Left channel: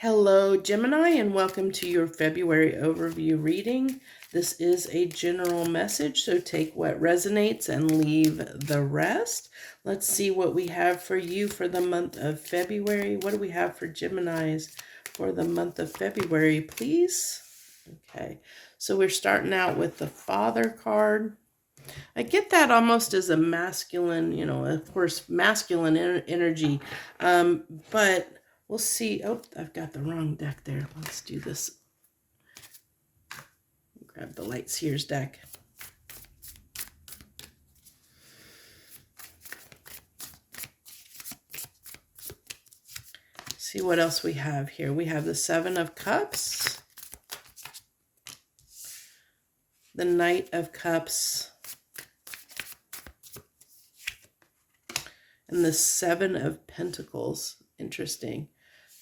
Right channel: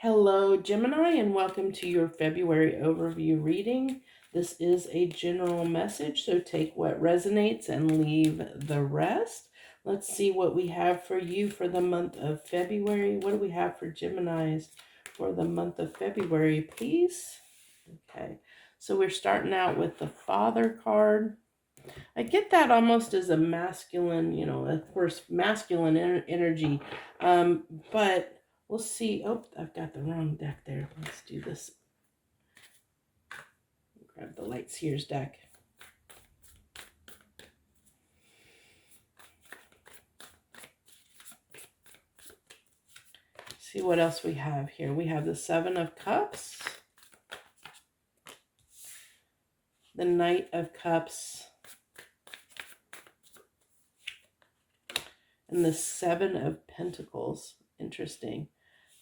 Hello, Gemini, and welcome to your February overview reading. This is a general message, so take what resonates and leave the rest. Let's see what we have for you for the month of February. What do we have for Geminis for the month of February, please? Okay, so we're starting out with the Father card. I get that almost as a masculine, of course, masculine energy, but we'll see. Oh, I've got the wrong deck there. Let's do this. Grab the light Seers deck. See what else we have here. We have the Seven of Cups, the Knight of Cups, and the Seven of Pentacles. Interesting.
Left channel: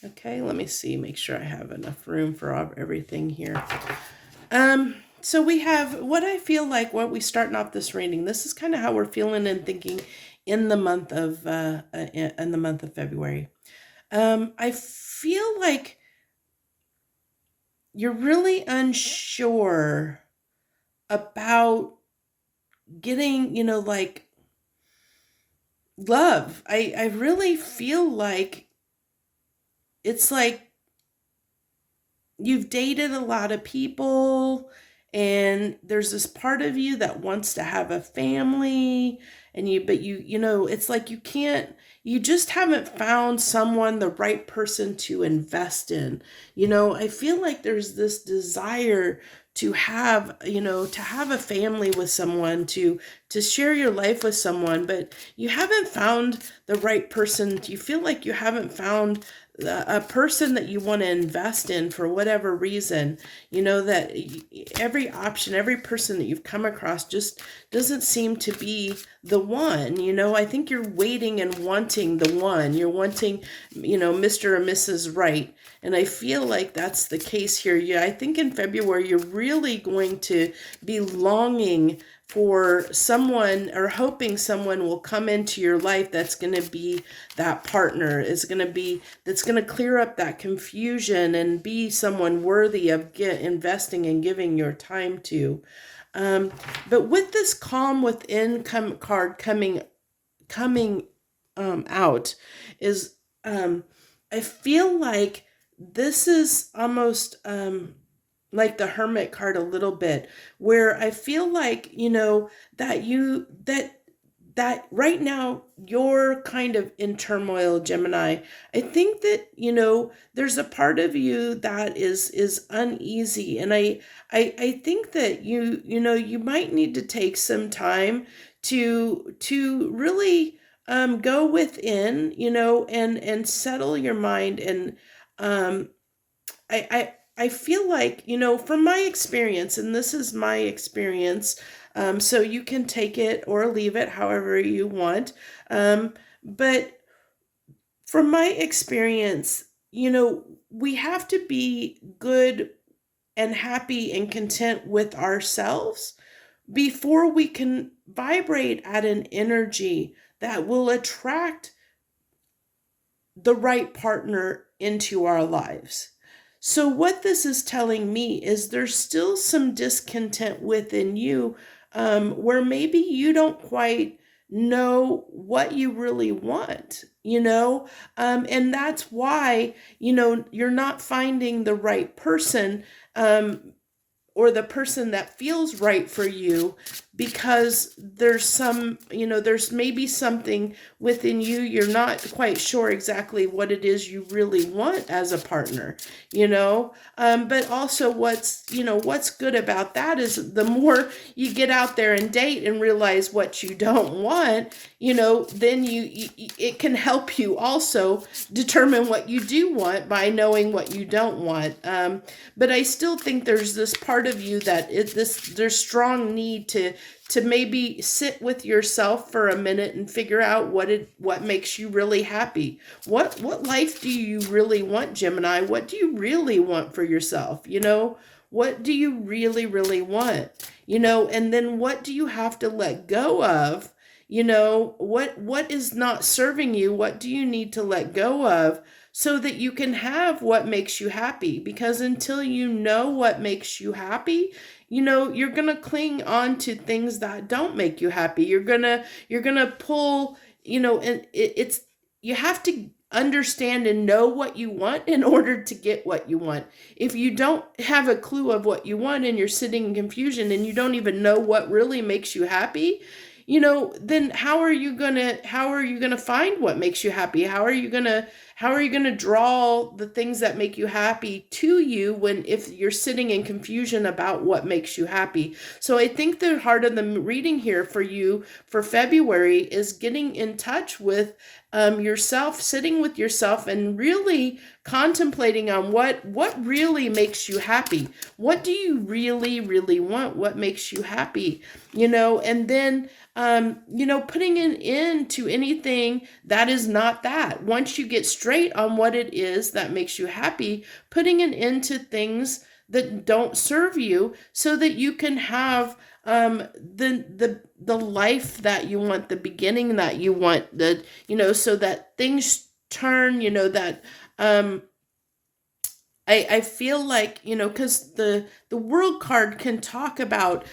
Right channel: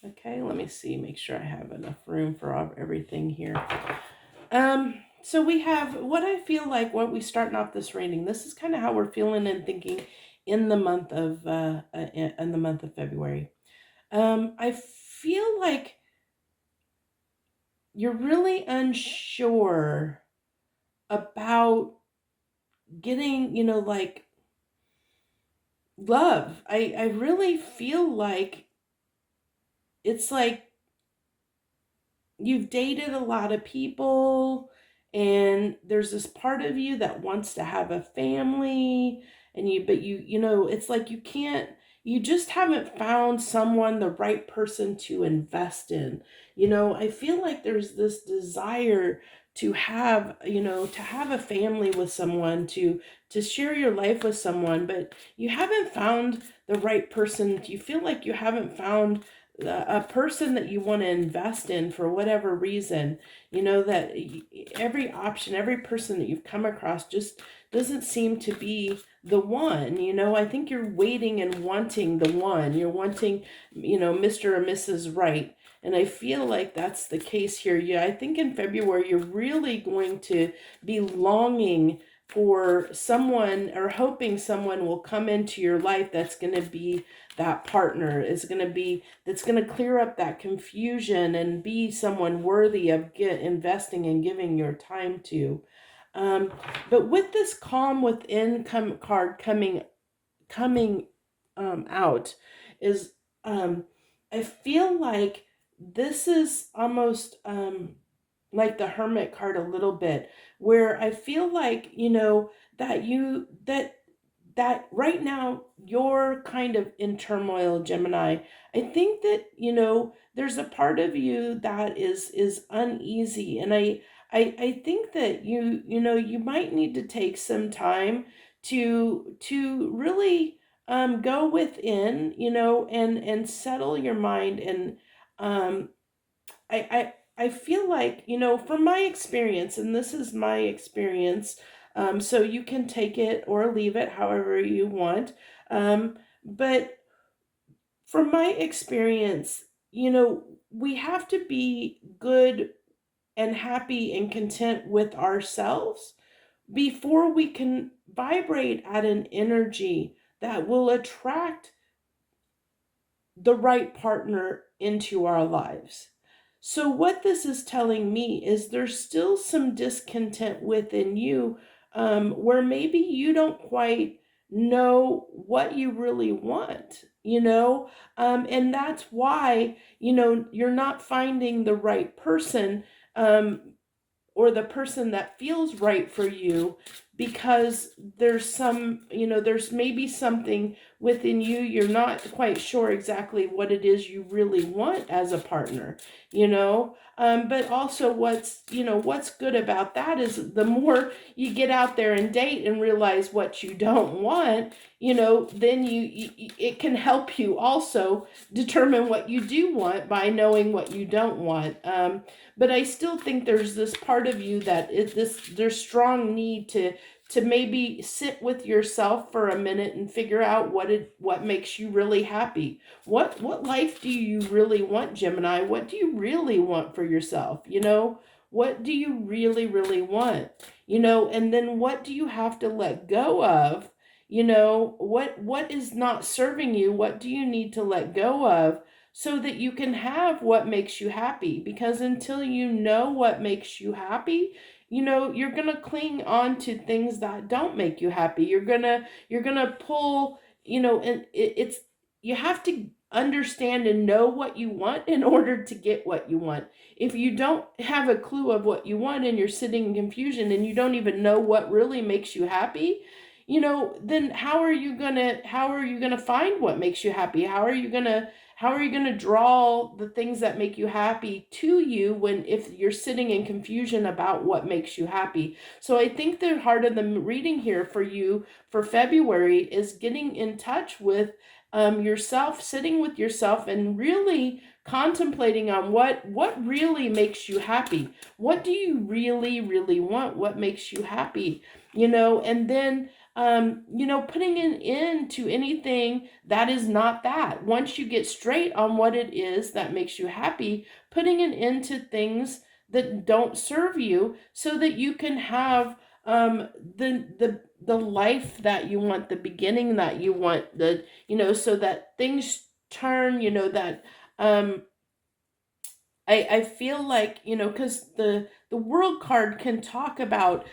Okay, let me see, make sure I have enough room for everything here. So we have what I feel like when we starting off this reading. This is kind of how we're feeling and thinking in the month of February. I feel like you're really unsure about getting, like love. I really feel like it's like you've dated a lot of people and there's this part of you that wants to have a family and it's like you just haven't found someone, the right person to invest in. I feel like there's this desire to have a family with someone, to share your life with someone, but you haven't found the right person. You feel like you haven't found a person that you want to invest in for whatever reason. That every option, every person that you've come across just doesn't seem to be the one. I think you're waiting and wanting the one. You're wanting, Mr. or Mrs. Right. And I feel like that's the case here. Yeah, I think in February, you're really going to be longing for someone or hoping someone will come into your life that's going to be that partner, that's going to clear up that confusion and be someone worthy of investing and giving your time to. But with this calm within card coming out is, I feel like this is almost like the Hermit card a little bit, where I feel like, that right now you're kind of in turmoil, Gemini. I think that, there's a part of you that is uneasy. And I think that you might need to take some time to really go within, and settle your mind. And I feel like, from my experience, and this is my experience, so you can take it or leave it however you want. But from my experience, we have to be good and happy and content with ourselves before we can vibrate at an energy that will attract the right partner into our lives. So what this is telling me is there's still some discontent within you, where maybe you don't quite know what you really want, and that's why, you're not finding the right person, or the person that feels right for you, because there's there's maybe something within you, you're not quite sure exactly what it is you really want as a partner, but also what's good about that is the more you get out there and date and realize what you don't want, then it can help you also determine what you do want by knowing what you don't want. But I still think there's this part of you that there's strong need to maybe sit with yourself for a minute and figure out what makes you really happy. What life do you really want, Gemini? What do you really want for yourself? What do you really, really want? And then what do you have to let go of? What is not serving you? What do you need to let go of so that you can have what makes you happy. Because until you know what makes you happy, you're going to cling on to things that don't make you happy. You're going to pull, and it's you have to understand and know what you want in order to get what you want. If you don't have a clue of what you want and you're sitting in confusion and you don't even know what really makes you happy, then how are you going to find what makes you happy? How are you going to draw the things that make you happy to you if you're sitting in confusion about what makes you happy? So I think the heart of the reading here for you for February is getting in touch with yourself, sitting with yourself and really contemplating on what really makes you happy. What do you really, really want? What makes you happy? And then putting an end to anything that is not that. Once you get straight on what it is that makes you happy, putting an end to things that don't serve you so that you can have the life that you want, the beginning that you want, so that things turn, that I feel like, because the world card can talk about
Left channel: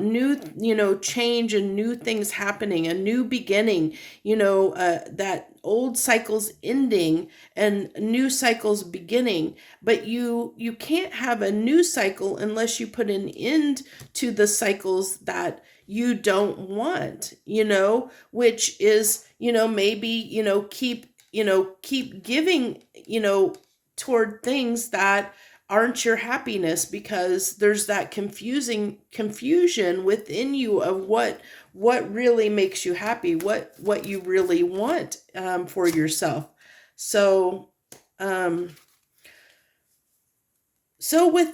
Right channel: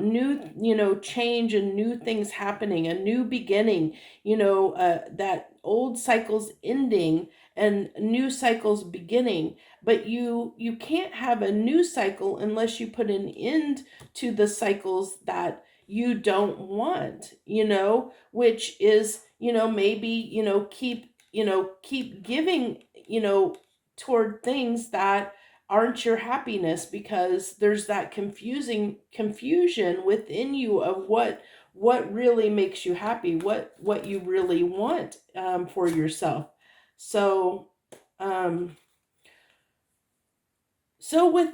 new, change and new things happening, a new beginning, that old cycles ending and new cycles beginning. But you can't have a new cycle unless you put an end to the cycles that you don't want, which is, maybe, keep giving, toward things that aren't your happiness, because there's that confusion within you of what really makes you happy, what you really want for yourself. So with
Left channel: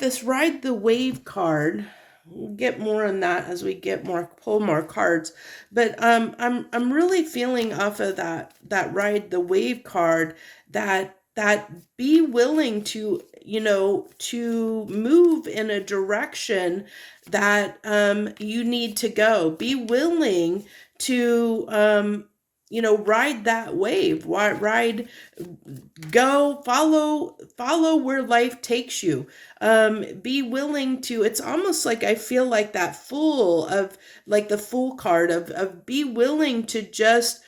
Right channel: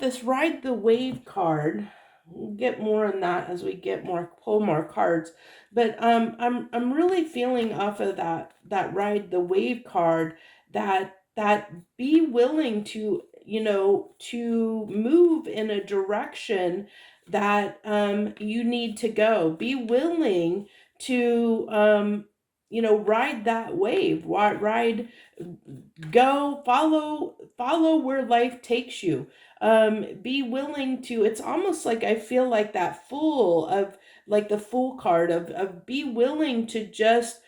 this Ride the Wave card, we'll get more on that as we pull more cards. But I'm really feeling off of that Ride the Wave card that be willing to to move in a direction that you need to go. Be willing to ride that wave. Go follow where life takes you. Be willing to, it's almost like I feel like that fool of like the fool card of be willing to just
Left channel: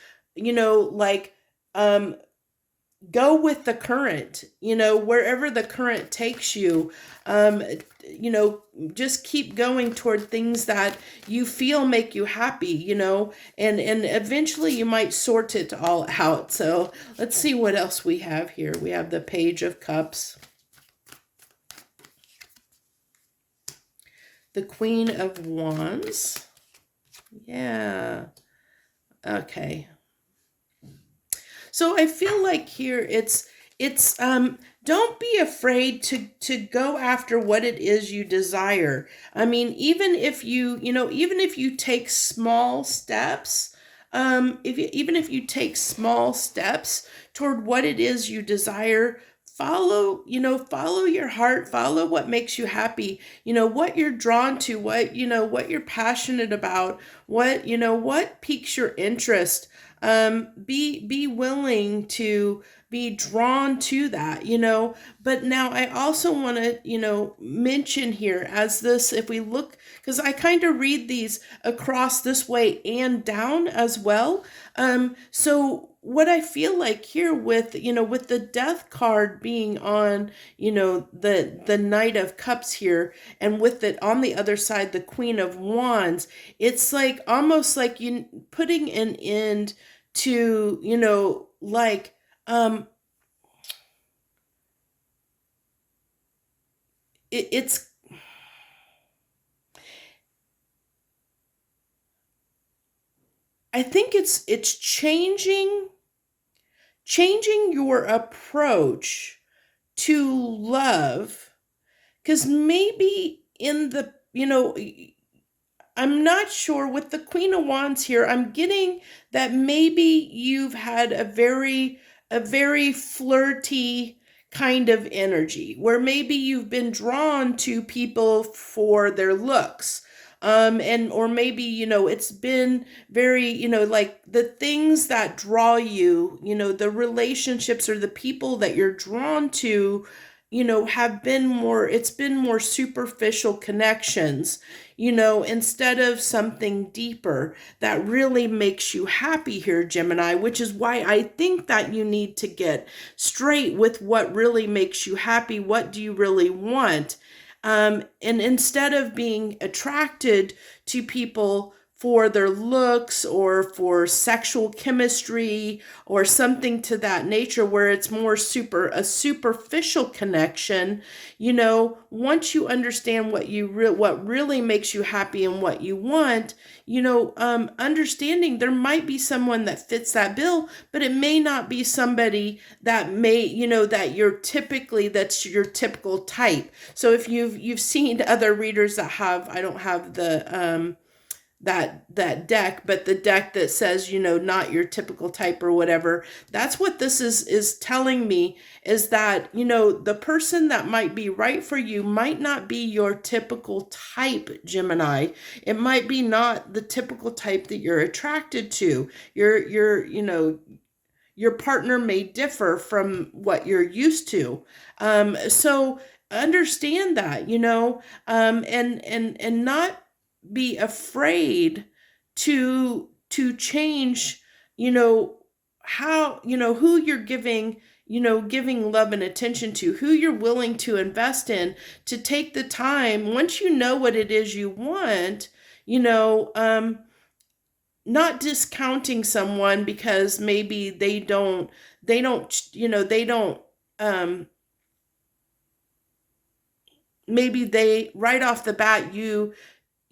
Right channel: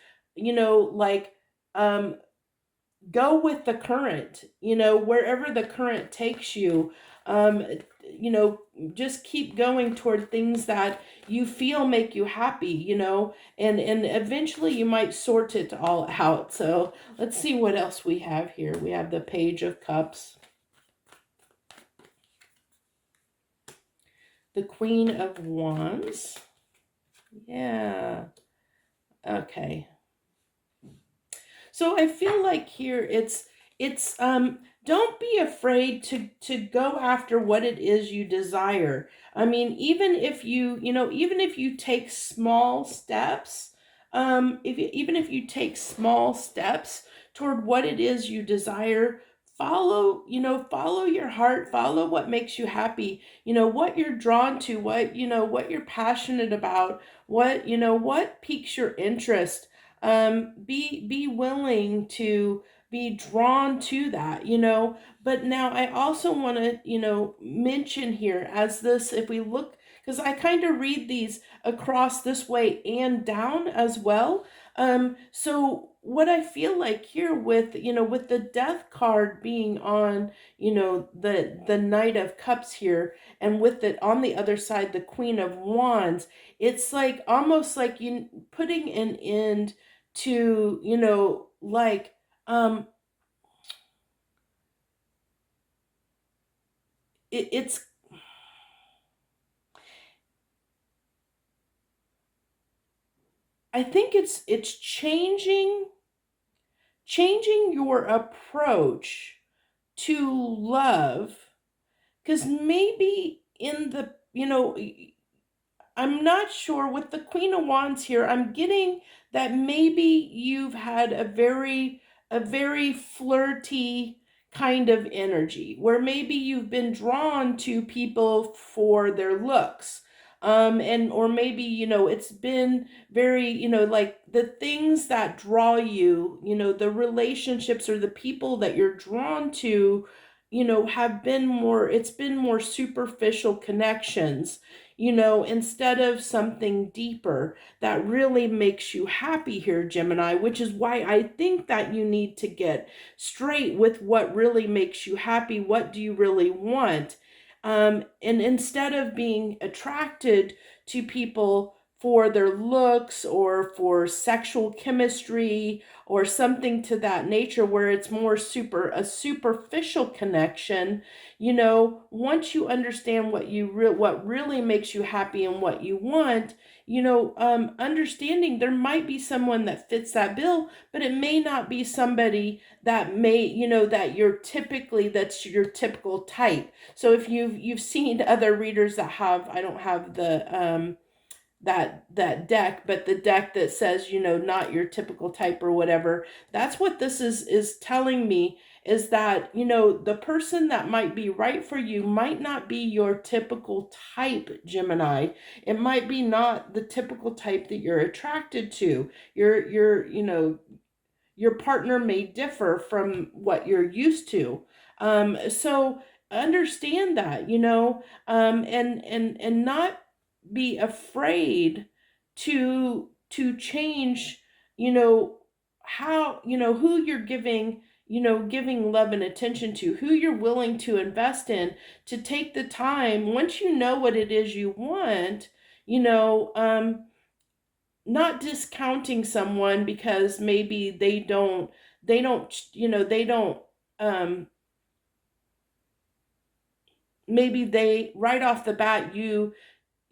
go with the current, wherever the current takes you. Just keep going toward things that you feel make you happy, and eventually you might sort it all out. So let's see what else we have here. We have the Page of Cups, the Queen of Wands. Yeah. Okay. So I feel like here it's don't be afraid to go after what it is you desire. I mean, even if you take small steps, even if you take small steps toward what it is you desire, follow your heart, follow what makes you happy, what you're drawn to, what you're passionate about, what piques your interest. Be willing to be drawn to that, but now I also want to, mention here as this, if we look, because I kind of read these across this way and down as well. So what I feel like here with the Death card being on, the Knight of Cups here, and with it on the other side, the Queen of Wands, it's like almost like you putting an end to, it's I think it's changing your approach to love, because maybe in the, I'm not sure with the Queen of Wands here, I'm getting that maybe you've had a very flirty kind of energy, where maybe you've been drawn to people for their looks. And or maybe, it's been very, like the things that draw you, the relationships or the people that you're drawn to, have been more, it's been more superficial connections, instead of something deeper that really makes you happy here, Gemini, which is why I think that you need to get straight with what really makes you happy. What do you really want? And instead of being attracted to people for their looks or for sexual chemistry or something to that nature where it's more a superficial connection, once you understand what really makes you happy and what you want, understanding there might be someone that fits that bill, but it may not be somebody that that's your typical type. So if you've seen other readers that have, I don't have the that deck, but the deck that says, not your typical type or whatever, that's what this is telling me, is that, the person that might be right for you might not be your typical type, Gemini. It might be not the typical type that you're attracted to. Your partner may differ from what you're used to. So understand that, and not be afraid to change, how, who you're giving love and attention to, who you're willing to invest in, to take the time, once you know what it is you want, not discounting someone because maybe they don't, maybe they, right off the bat,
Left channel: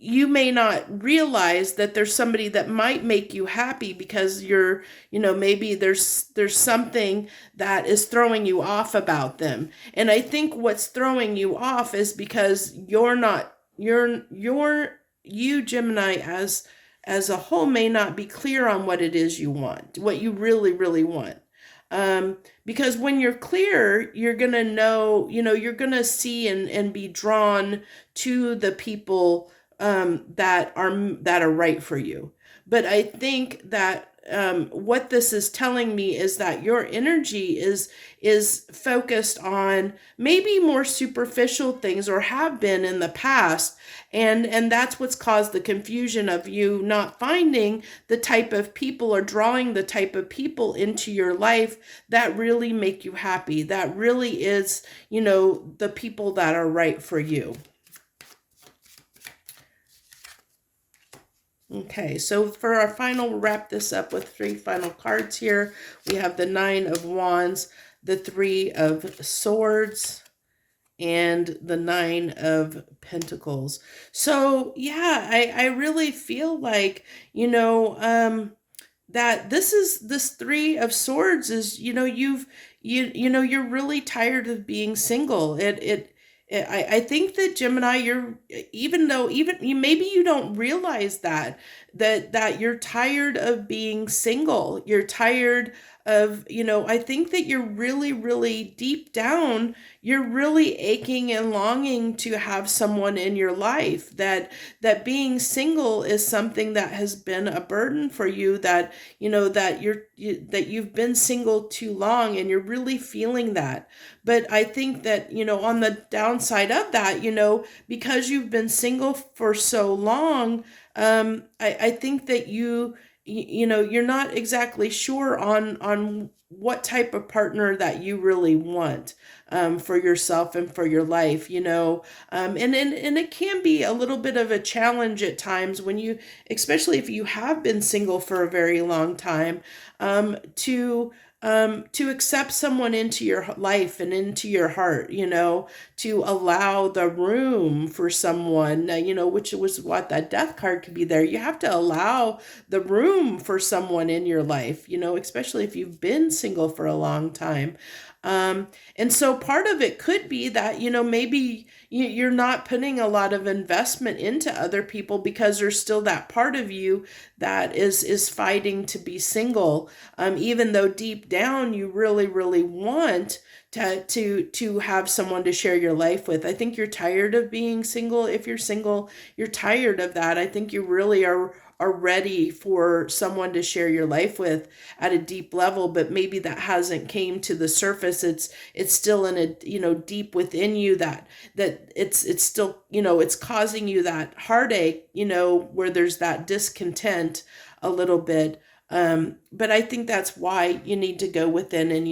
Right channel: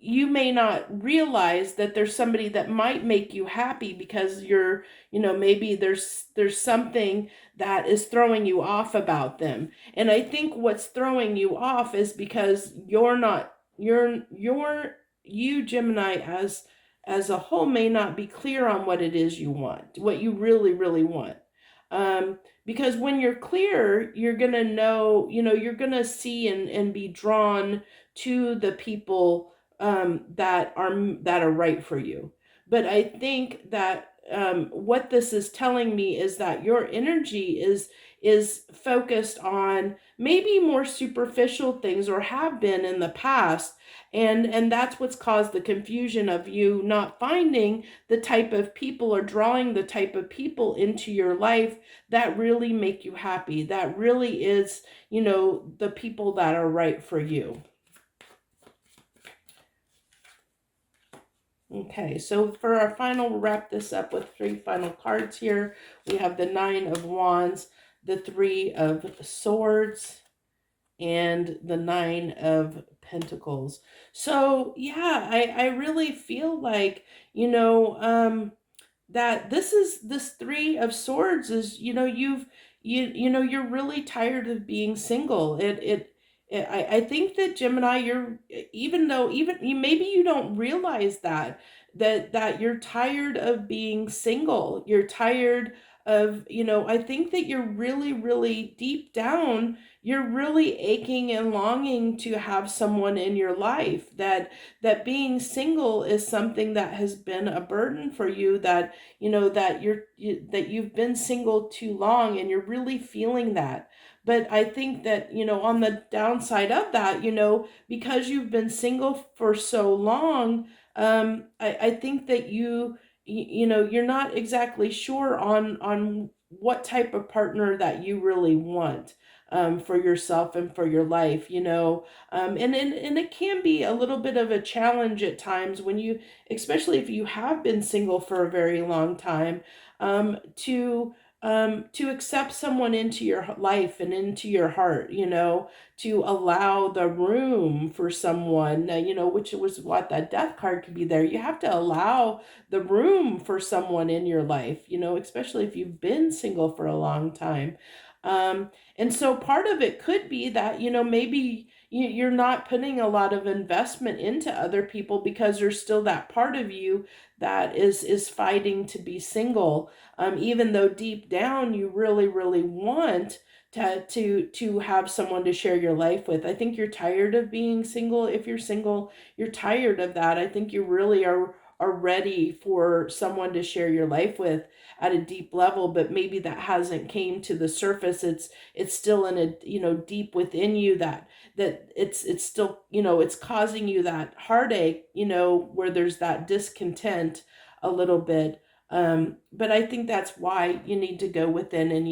you may not realize that there's somebody that might make you happy because you're, maybe there's something that is throwing you off about them. And I think what's throwing you off is because you, Gemini, as a whole, may not be clear on what it is you want, what you really, really want. Because when you're clear, you're going to know, you're going to see and be drawn to the people that are right for you. But I think that what this is telling me is that your energy is focused on maybe more superficial things, or have been in the past, and that's what's caused the confusion of you not finding the type of people, or drawing the type of people into your life that really make you happy, that really is, the people that are right for you. Okay, so for our final, we'll wrap this up with 3 final cards here. We have the 9 of Wands, the 3 of Swords, and the 9 of Pentacles. So yeah, I really feel like, that this 3 of Swords is, you're really tired of being single. I think that, Gemini, even maybe you don't realize that you're tired of being single. You're tired of, I think that you're really, really deep down, you're really aching and longing to have someone in your life, that being single is something that has been a burden for you, that, that you've been single too long, and you're really feeling that. But I think that, on the downside of that, because you've been single for so long, I think that you're not exactly sure on what type of partner that you really want, for yourself and for your life, and it can be a little bit of a challenge at times when especially if you have been single for a very long time, to accept someone into your life and into your heart, to allow the room for someone, which was what that Death card could be there. You have to allow the room for someone in your life, especially if you've been single for a long time. And so part of it could be that, maybe you're not putting a lot of investment into other people because there's still that part of you that is fighting to be single, even though deep down you really, really want to have someone to share your life with. I think you're tired of being single. If you're single, you're tired of that. I think you really are ready for someone to share your life with at a deep level, but maybe that hasn't came to the surface. It's still in a, deep within you, that it's still, it's causing you that heartache, where there's that discontent a little bit. But I think that's why you need to go within, and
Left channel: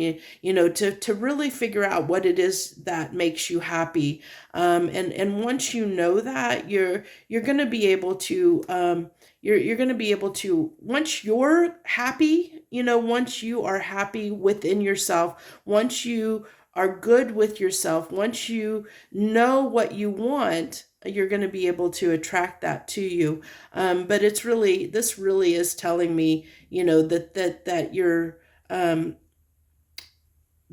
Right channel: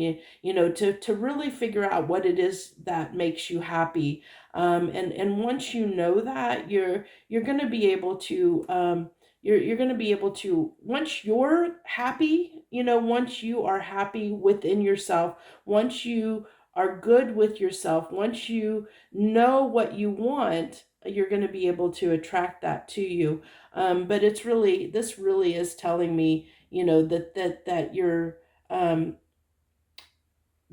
to really figure out what it is that makes you happy. And once you know that, you're going to be able to, you're going to be able to, once you're happy, once you are happy within yourself, once you are good with yourself, once you know what you want, you're going to be able to attract that to you. But this really is telling me, that you're,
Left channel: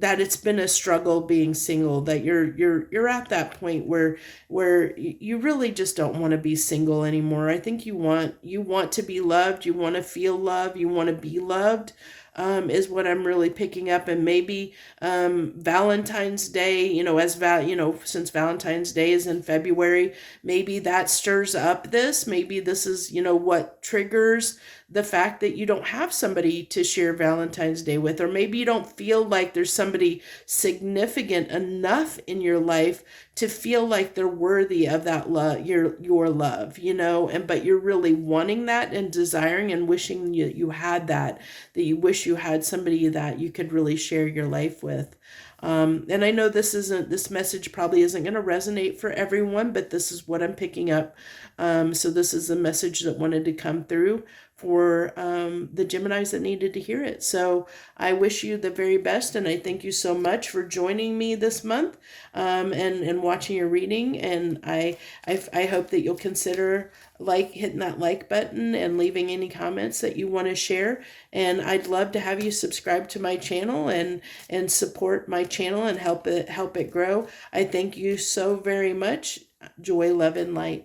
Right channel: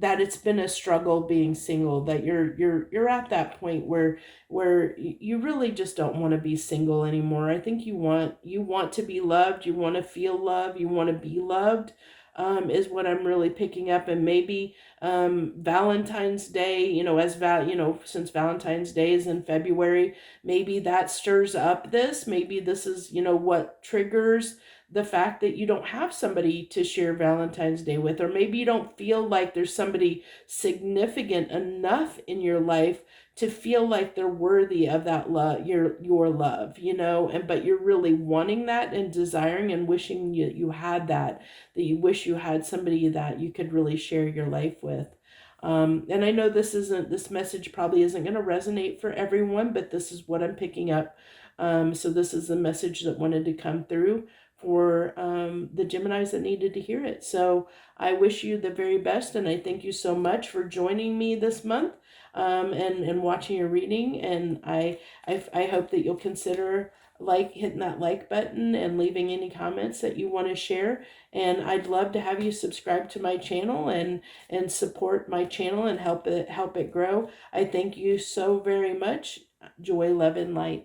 that it's been a struggle being single, that you're at that point where you really just don't want to be single anymore. I think you want to be loved, you want to feel love, you want to be loved, is what I'm really picking up. And maybe Valentine's Day, since Valentine's Day is in February, maybe that stirs up this. Maybe this is, what triggers the fact that you don't have somebody to share Valentine's Day with, or maybe you don't feel like there's somebody significant enough in your life to feel like they're worthy of that love, your love, but you're really wanting that and desiring and wishing you had that you wish you had somebody that you could really share your life with. And I know this message probably isn't going to resonate for everyone, but this is what I'm picking up. So this is the message that wanted to come through for the Geminis that needed to hear it. So I wish you the very best, and I thank you so much for joining me this month, and watching your reading. And I hope that you'll consider hitting that like button and leaving any comments that you want to share. And I'd love to have you subscribe to my channel and support my channel and help it grow. I thank you so very much. Joy, love, and light.